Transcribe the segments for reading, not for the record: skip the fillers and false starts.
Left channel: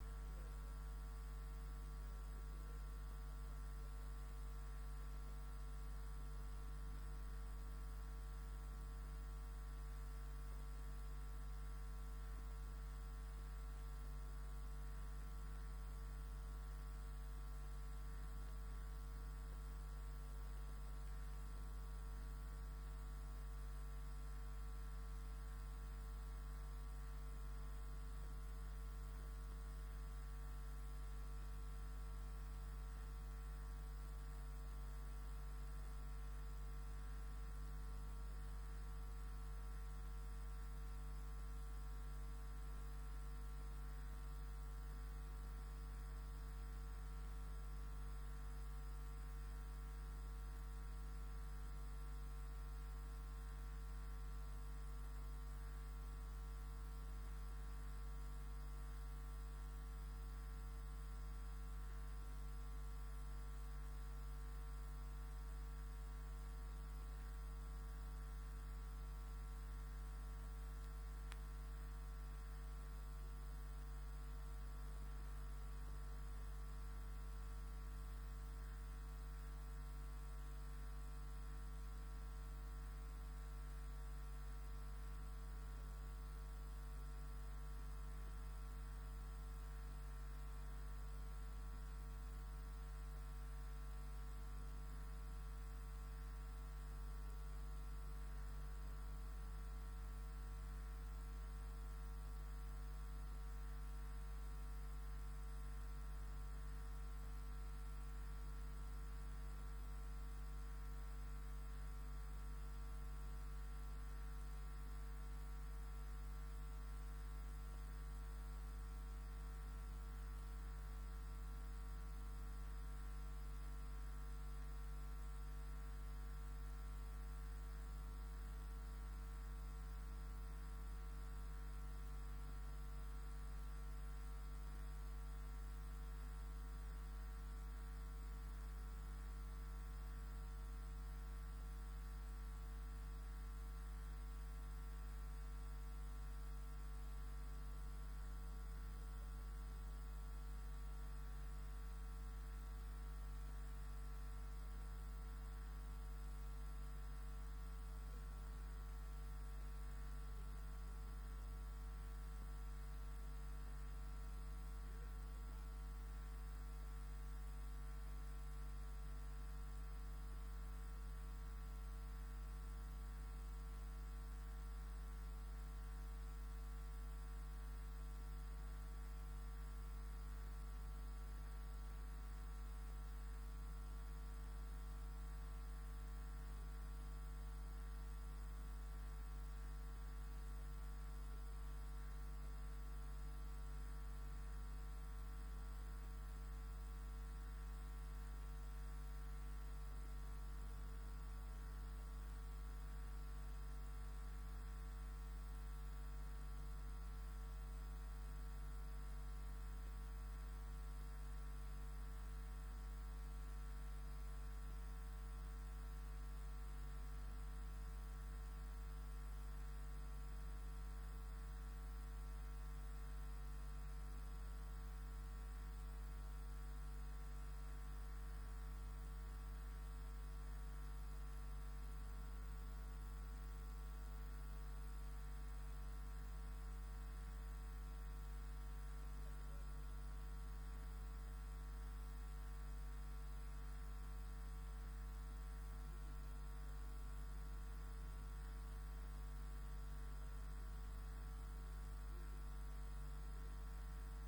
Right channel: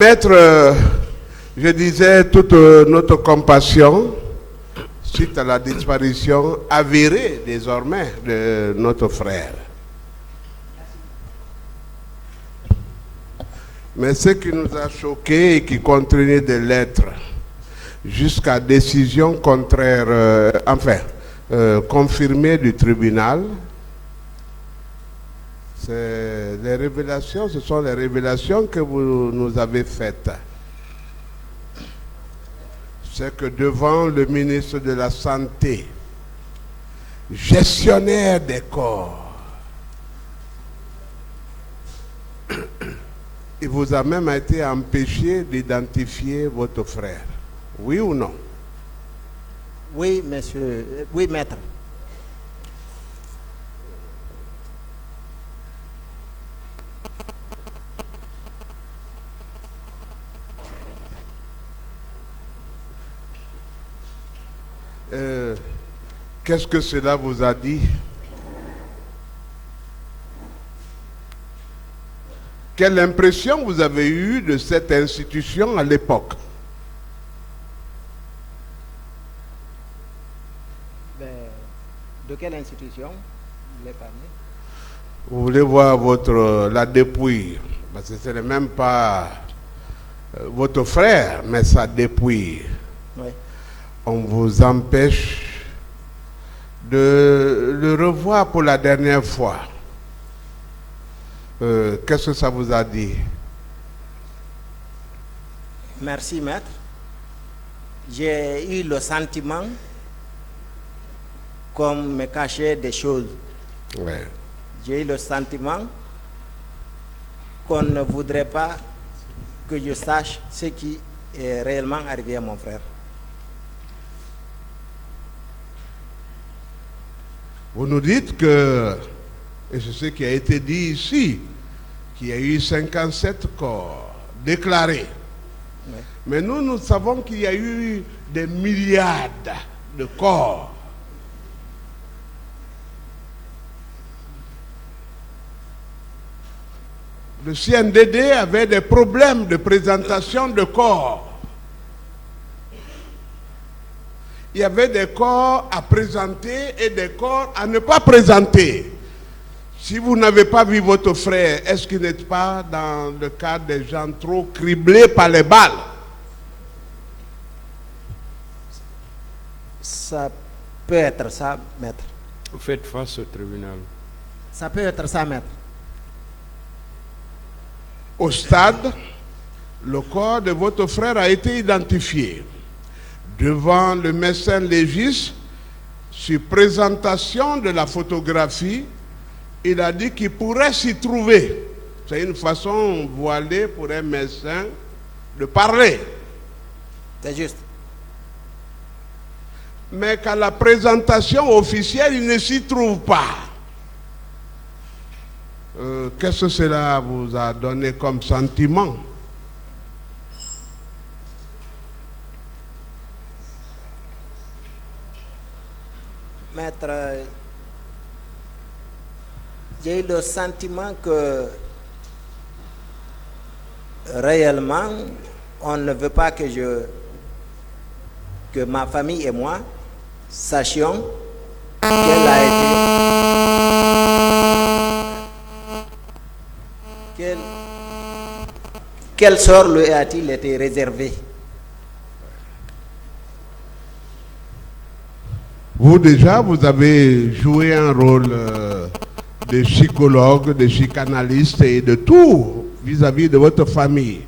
Maître, je disais toute notre compassion suite à la disparition avérée désormais de notre frère. Mais ce qui nous a choqués et qui continue de l'être jusqu'à décision contraire, confirmée du tribunal, ce sont les révélations que vous nous avez faites. C'est que devant le ministre de la Santé, gestionnaire des corps, il vous a même été empêché d'identifier votre frère. Oui ou non? Oui, monsieur. Oui, maître. Qu'est-ce que cela vous a dit? Quelle impression vous avez eue de cette institution à l'époque? De quelle institution vous voulez parler? Vous voulez voir la dépouille, parce que ce n'est même pas votre frère, mais sa dépouille. Oui. On vous empêche de le revoir pour la dernière fois. Qu'est-ce que ça vous a dit? Merci, maître. J'ai eu le sentiment qu'on me cachait des choses. Ouais. J'ai eu le sentiment qu'on ne voudrait pas que je sache ce qui est réellement arrivé à mon frère. Vous nous dites que, et c'est ce qui a été dit ici, qu'il y a eu 57 corps déclarés. Oui. Mais nous savons qu'il y a eu des milliards de corps. Le CNDD avait des problèmes de présentation de corps. Il y avait des corps à présenter et des corps à ne pas présenter. Si vous n'avez pas vu votre frère, est-ce qu'il n'est pas dans le cas des gens trop criblés par les balles? Ça peut être ça, maître. Vous faites face au tribunal. Ça peut être ça, maître. Au stade, le corps de votre frère a été identifié. Devant le médecin légiste, sur présentation de la photographie, il a dit qu'il pourrait s'y trouver. C'est une façon voilée pour un médecin de parler. C'est juste. Mais qu'à la présentation officielle, il ne s'y trouve pas. Qu'est-ce que cela vous a donné comme sentiment? Maître, j'ai eu le sentiment que réellement, on ne veut pas que ma famille et moi sachions quel sort lui a-t-il été réservé. Vous déjà, vous avez joué un rôle de psychologue, de psychanalyste et de tout vis-à-vis de votre famille.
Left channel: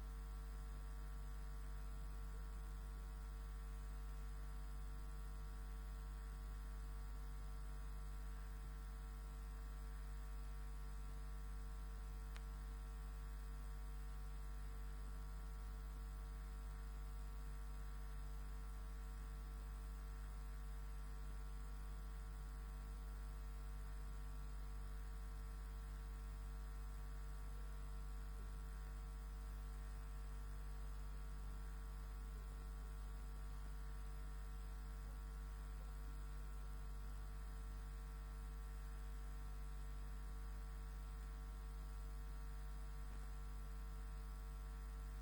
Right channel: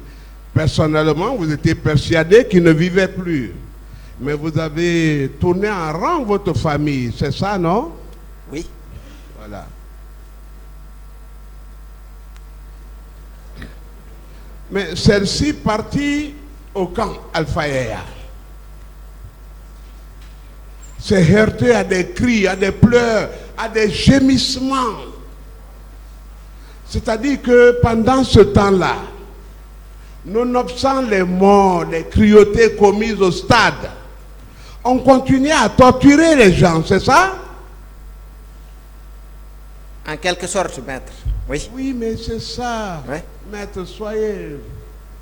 Personnellement, vous étiez persuadé qu'il ne vivait plus. Mais vous avez tourné en rang votre famille, c'est ça, non? Oui. Voilà. Mais celle-ci partit au camp Alpha Yaya. C'est heurté à des cris, à des pleurs, à des gémissements. C'est-à-dire que pendant ce temps-là, nonobstant les morts, les cruautés commises au stade, on continuait à torturer les gens, c'est ça? En quelque sorte, maître. Oui. Oui, mais c'est ça. Oui. Maître, soyez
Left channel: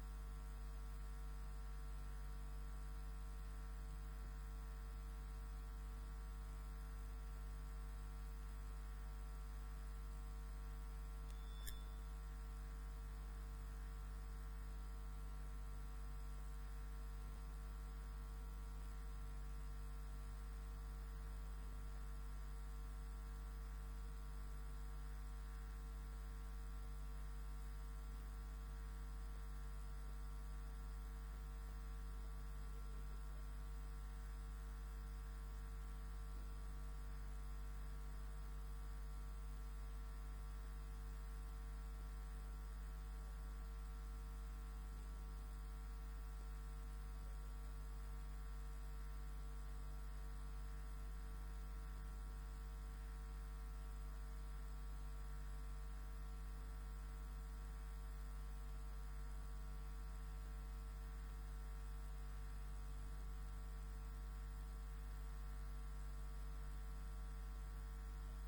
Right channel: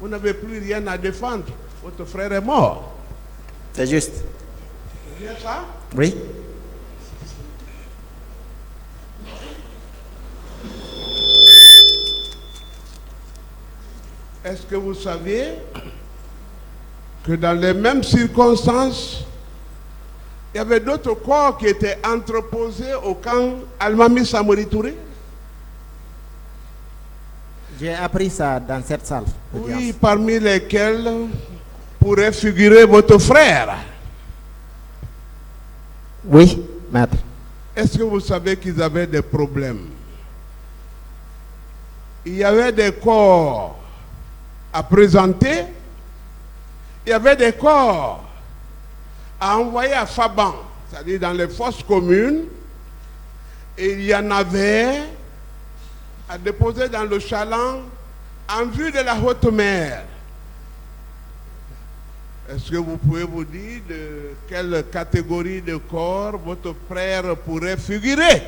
Vous n'avez plus rien à défendre. Votre frère est mort. C'est juste. C'est bien ça? Oui. Est-ce que vous saviez que dans les mêmes circonstances, il y avait d'autres corps qui étaient entreposés au camp Almami Samori Touré? J'ai appris ça dans cette salle. Oui, parmi lesquels pourrait figurer votre frère. Oui, maître. Est-ce que vous savez qu'ils avaient des problèmes? Il y avait des corps à présenter, il y avait des corps à envoyer à Faban, c'est-à-dire dans les fosses communes, et il y en avait à déposer dans le chaland en vue de la haute mer. Est-ce que vous pouvez vous dire de quelle catégorie de corps votre frère pourrait figurer?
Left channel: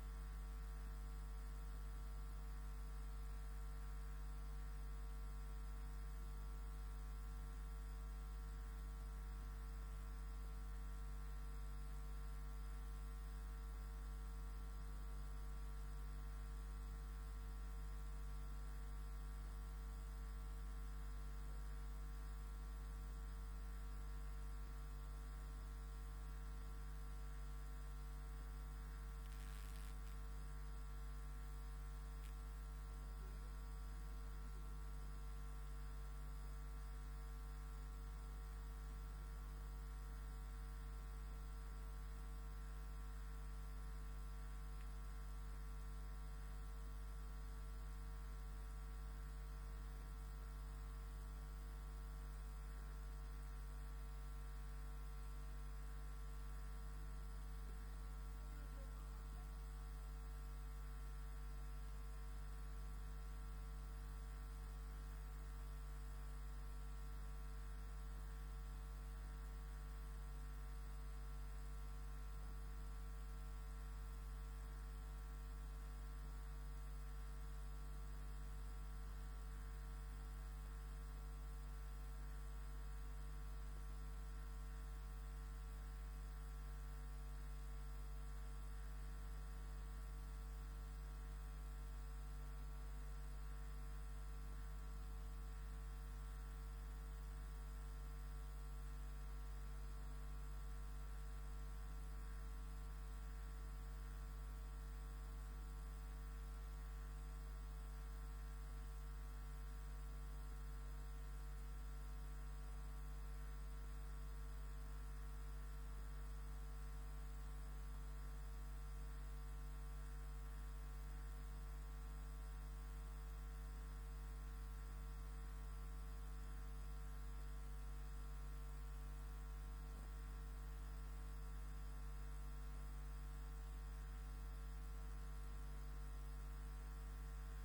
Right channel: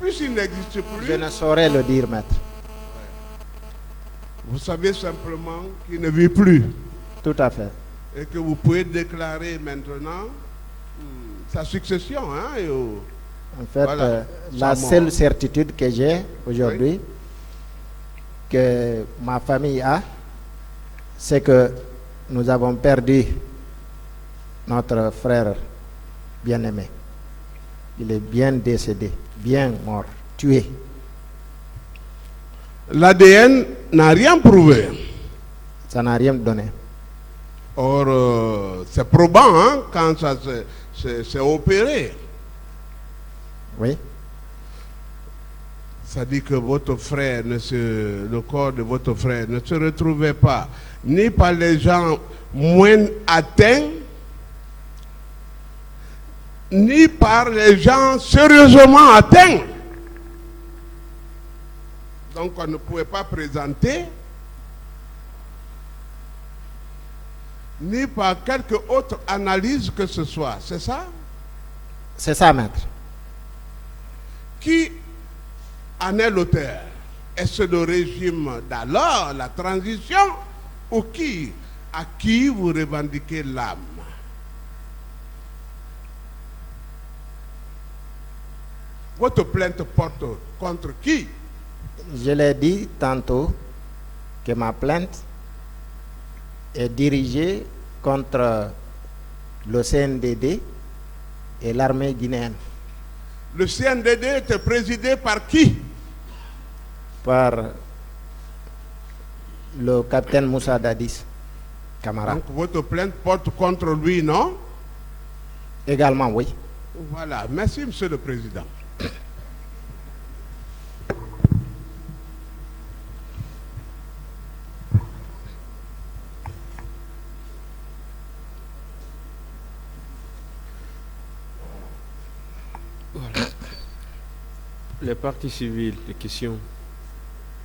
Puisqu'il n'existe plus, Je ne saurais le dire, maître. vous savez simplement qu'il ne vit plus Tout à fait. et que vous pouvez déclarer maintenant sa succession. Hein, En fait, Voilà, la sa mort. seule certitude que j'ai aujourd'hui, que ma famille a, c'est que nous avons perdu notre frère bien-aimé. Il est bien décédé, bien mort, tué. L'ADN n'a rien prouvé. Ça n'a rien donné. Or, c'est probant hein, quand ça s'est opéré. Oui, Ça dit que votre frère, le corps de votre frère ne se retrouvait pas ni par les gens moins atteints, ni par les gens sérieusement atteints. Donc on ne pouvait pas présenter, ni par quelque autre analyse que ce soit. C'est ça? c'est ça, maître. Qui en est l'auteur? Est-ce le régime d'alors, la transition, ou qui? À qui vous revendiquez l'âme? Votre plainte porte contre qui? Je l'ai dit tantôt que ma plainte est dirigée contre le CNDD et l'armée guinéenne, Le CNDD était présidé par qui? par le capitaine Moussa Dadis Camara. Donc votre plainte porte contre lui, non? Également, oui. Voilà. Merci, Monsieur le Président. Les parties civiles, les questions.